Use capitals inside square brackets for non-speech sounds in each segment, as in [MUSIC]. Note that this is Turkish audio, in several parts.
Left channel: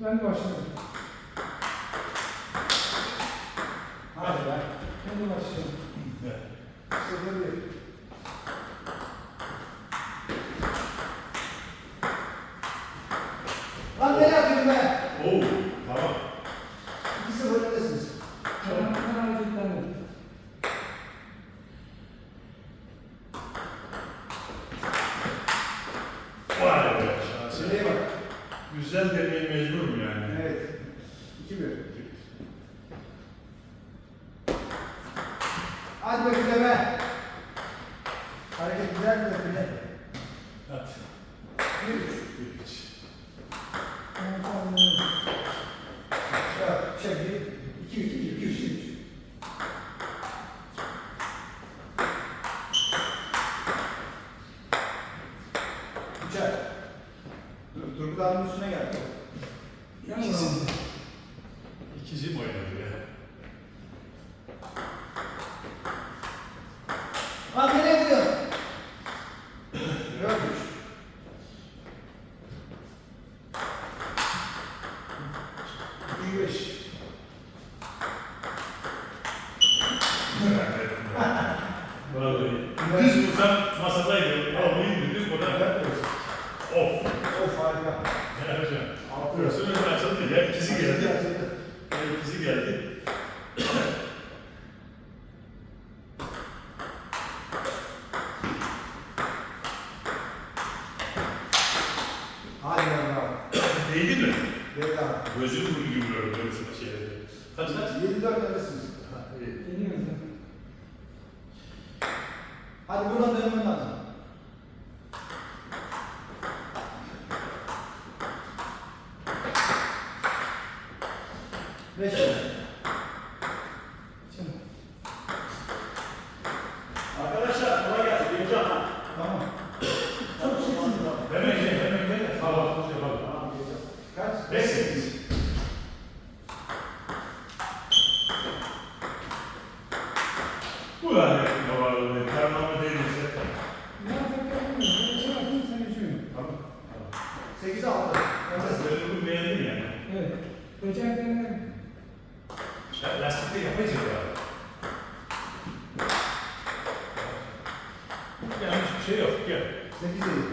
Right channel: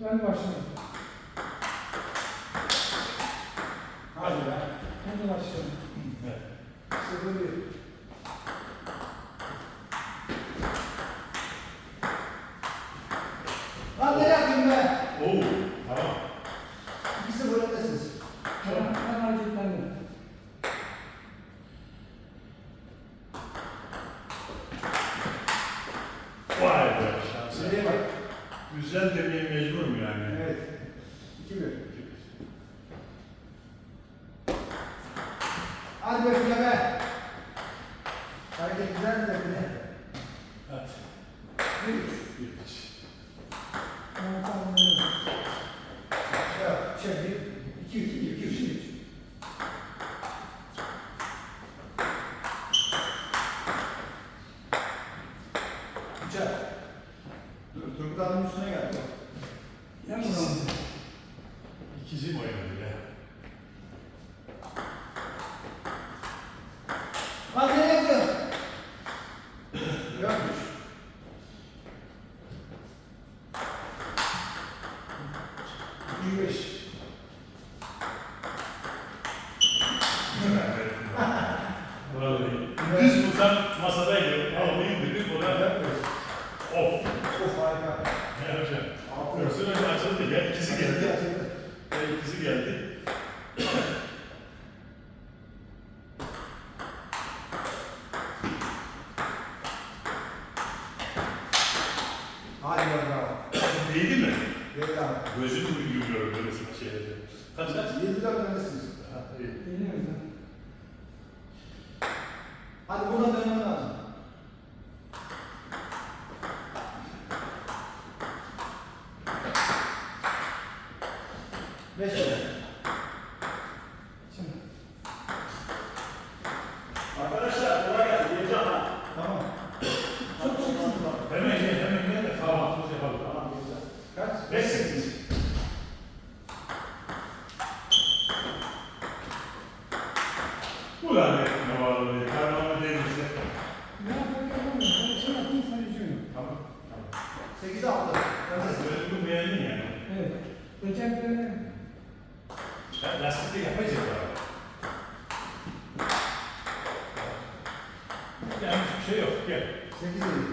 Ben başlayayım. Hadi be. Kendi başlayayım. Sıfır bir. Lan nereye atayım be? Oo, tamam. 2-0 öndesiniz. Ben, ben hareketlendim. Vay be şansı. Şuraya bak. Güzel demeye mecburum yani. Evet. 2-1. Hadi bakayım be. Hareket güzel mi böyle? Hadi. Bir üç. Bir iç. Ben tamamladım. Evet, çek bir. İki üç, iki üç, iki üç. Üçer. Dur, Turgut abinin üstüne geldi. Yanımda. İkizi mi oynadı ya? Lan nereye gidiyorsun? Görmüş. İyi beş. Vallahi. Biz buradan masadaydı. Almayı dedik ona. Of. Of harika. Ne yapacağım? Altı. Burası önce açıldı. Ya ikizi geldi. Açıldı. Ya ikizi geldi. Harika bravo. Değdi mi? Evet abi. Gözüm gibi görüyorum böyle şeyleri. Kaç Ha, iyi. Geliyor musun? Hadi buradan dönmen lazım. Beş. Şimdi. Arkadaşlar kolay gelsin. Geleceğim ha. Tamam. Çok sıkıntı. Hemen gel, hemen gel. de Sağ ol. Şey. Kaç? Beş sekiz. Ulan ne numaralı ne? Karnımı değilse. Ne yapayım yapamıyorum. Ben şey yapayım sen üzülme. Tamam. Tamam. Sekiz altı. Öndesiniz. Böyle bu beğendin yani. Evet. Geçen sene Ya lastikte yapacağız ya. Yanlış bir şey yok. Gel. Sekiz yedi.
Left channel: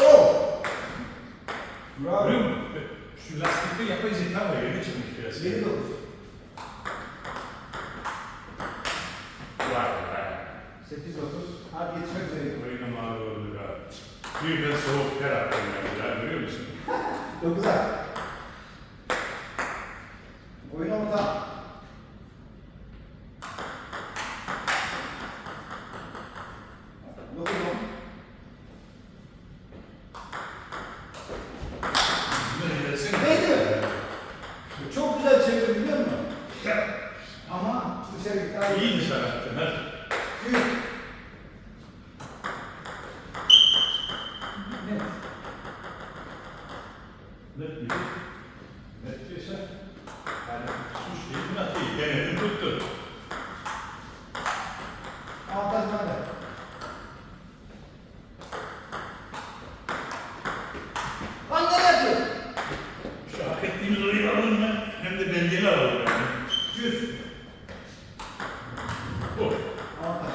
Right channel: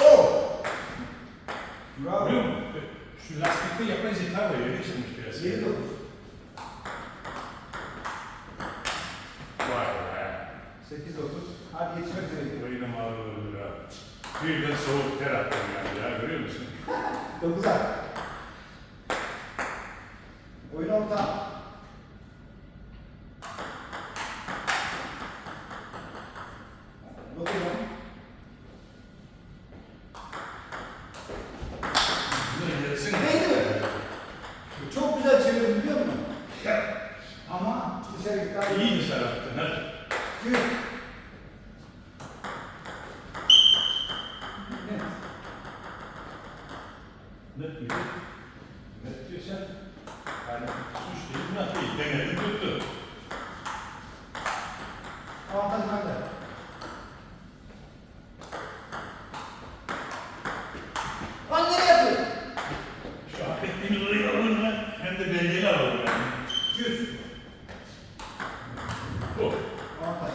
Oh! Bravo. Görüyor musun? Şu lastikte yapay zeka var. Yeni çıkmış biraz. Yedi dokuz. Vay be. Sekiz dokuz. Hadi yetişmek üzere. Oyuna mağdur oldu ya. Birden soğuk ter attım yani. Ya görüyor musun? 都不在。Denedin tuttu. Avantaj bende. Lan nereye atıyorsun? Şu hak ettiğimiz oyunu alalım mı? Hem de belgeli alalım yani. Yüz. Bu. Avantaj.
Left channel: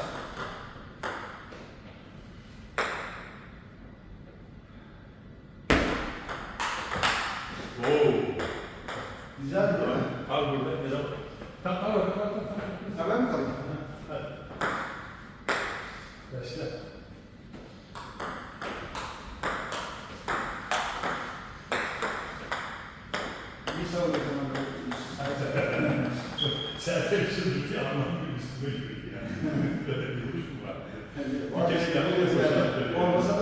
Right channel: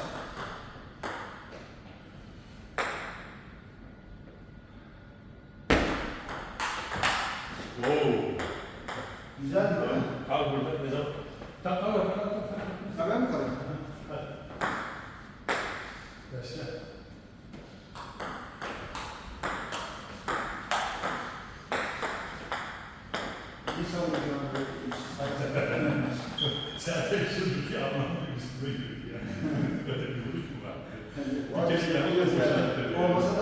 Güzel değil mi? Al burada biraz. Zaten şuradaki anlamı üstüme yürüdü yani. [LAUGHS] Böyle bir vuruş mu var? Var Bir yapılır mı? Olmasa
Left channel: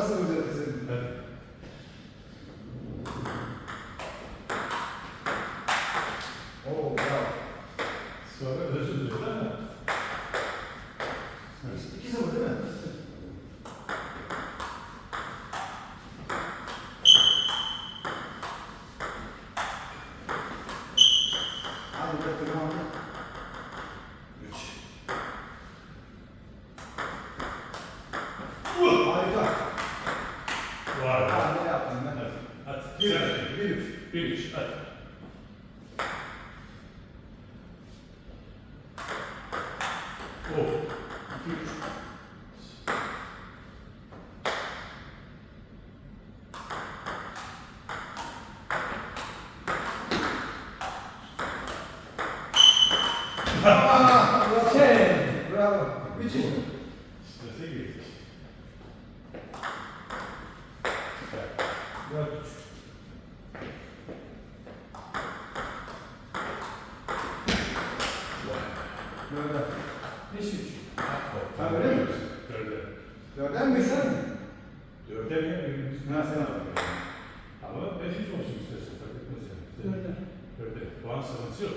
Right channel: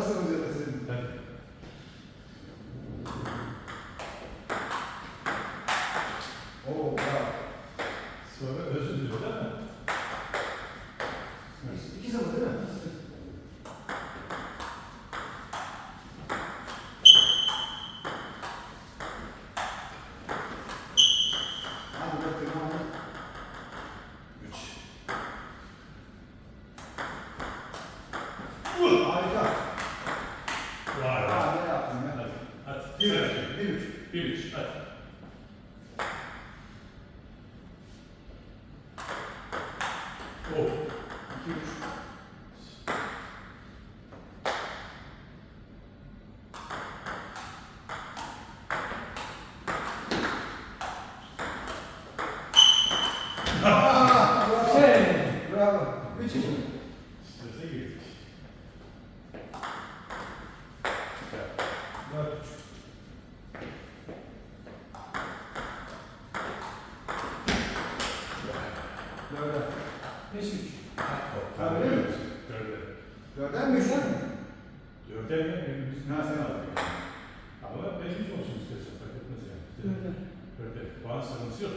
話したんですよ、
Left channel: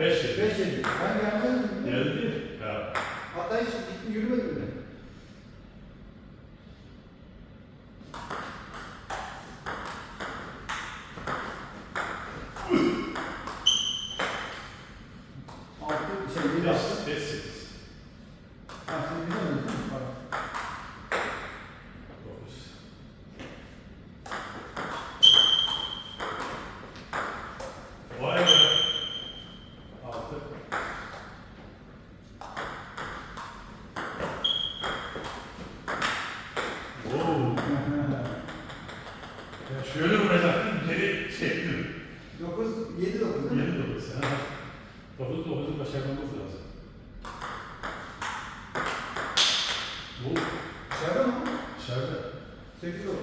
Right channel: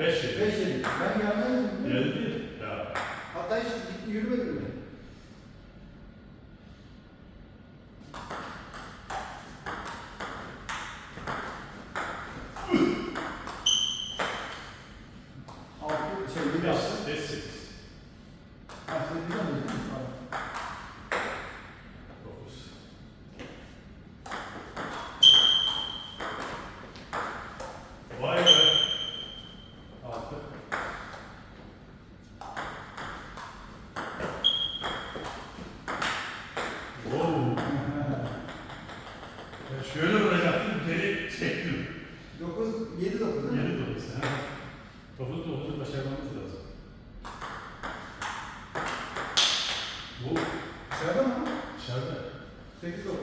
Beş yıl. Beş yıl. Ben geldim. Geldi. Ya. Hatta hiç gitme yürümedim mi? 7 9. 7 9. 9 9'u başarmamız lazım. Bu dışarıda mı? Dışarıda. 8 9.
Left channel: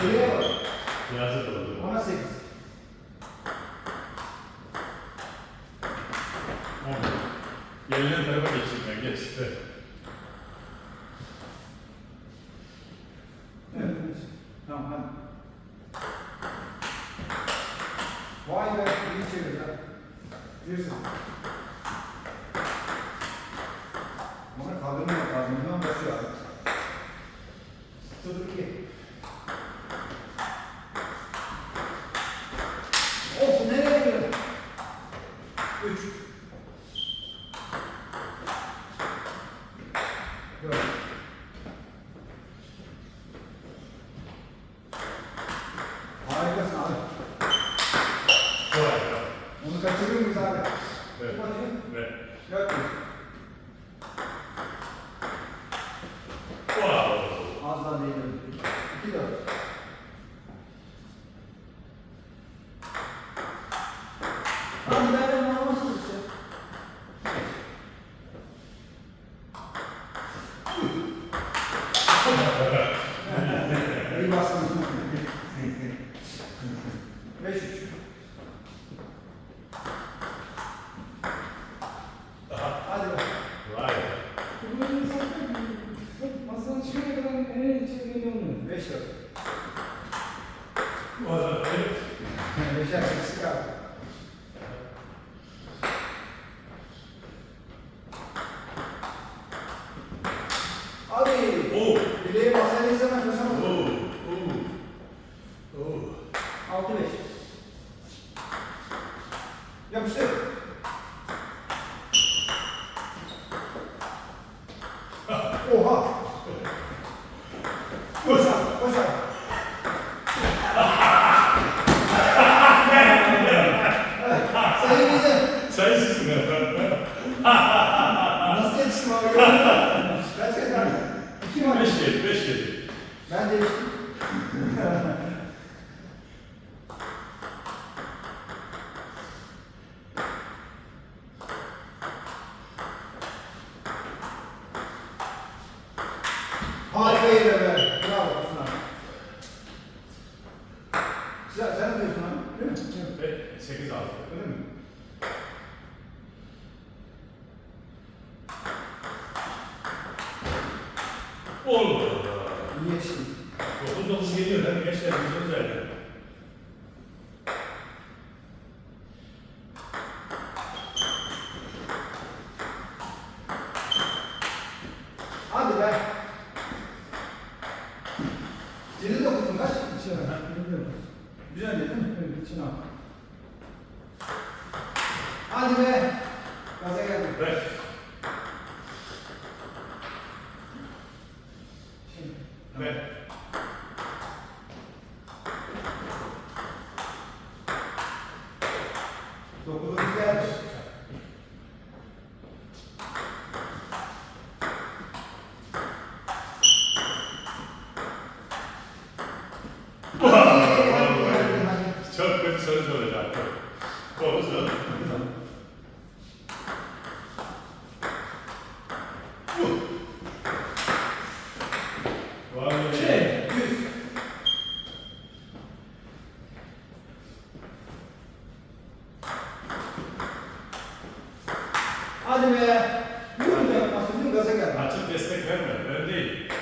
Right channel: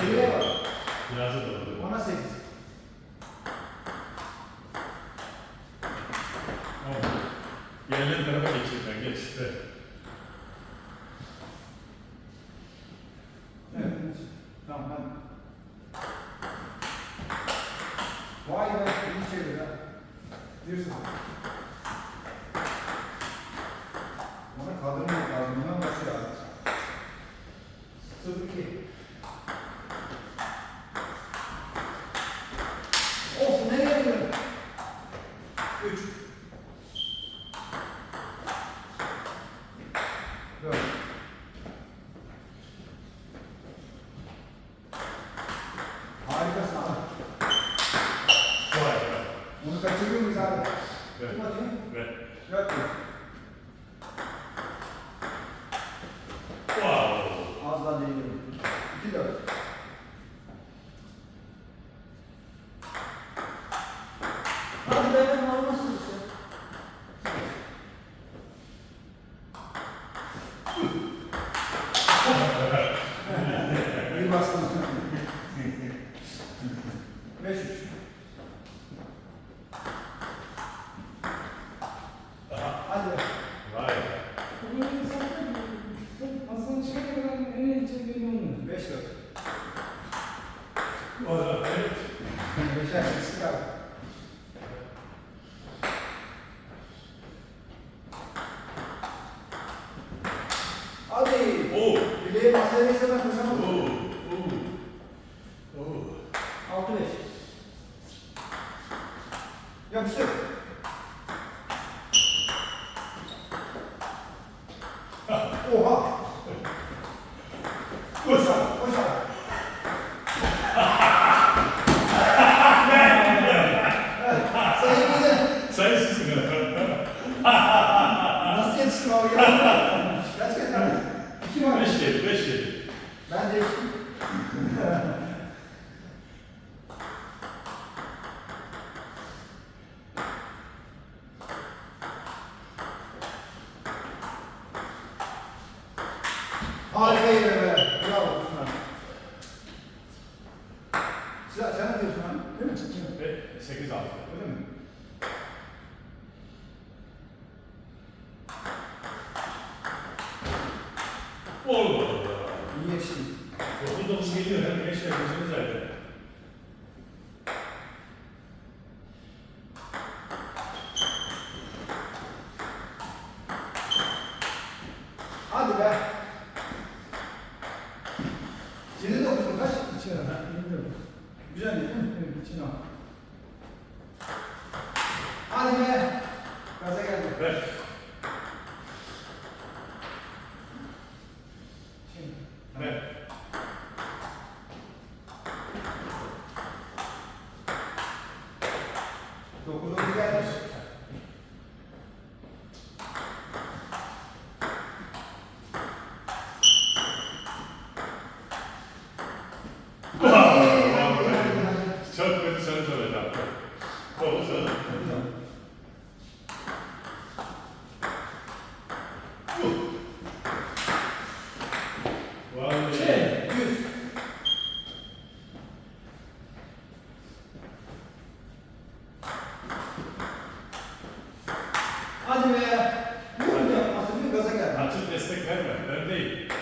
Geriye bak. Biraz da doğru. Ona 8. 10. Yerine tarafa geçeyim ben. Geç. Ver. Bunu kaçırıyor muyuz abi? Evet. Bakayım. Evet. Yaklaşık. İyi bastınız. Nasıl yetiştim abi? Kaç kez abi? İki var. Beş kez, beş kez. Ben de Harika yere be. Bravo Osman. Sen, sen ne diyorsun abi? Değil mi? Evet, 8 6. Öyle mi? Olmadı. Niye şimdi? 9 9 geliyor. Hem gençler bizim özellikle. Güzel değil mi? Evet, içine al. Hadi be. Gaza geldi. Ver. Şimdi. Ver. Dokuzuncu gelmiş. [LAUGHS] Çok kötü sonuç olacak. Şey, yüz. Hadi be. Vur da atıldım gaza geldi. Açık destek verme. Ben değil.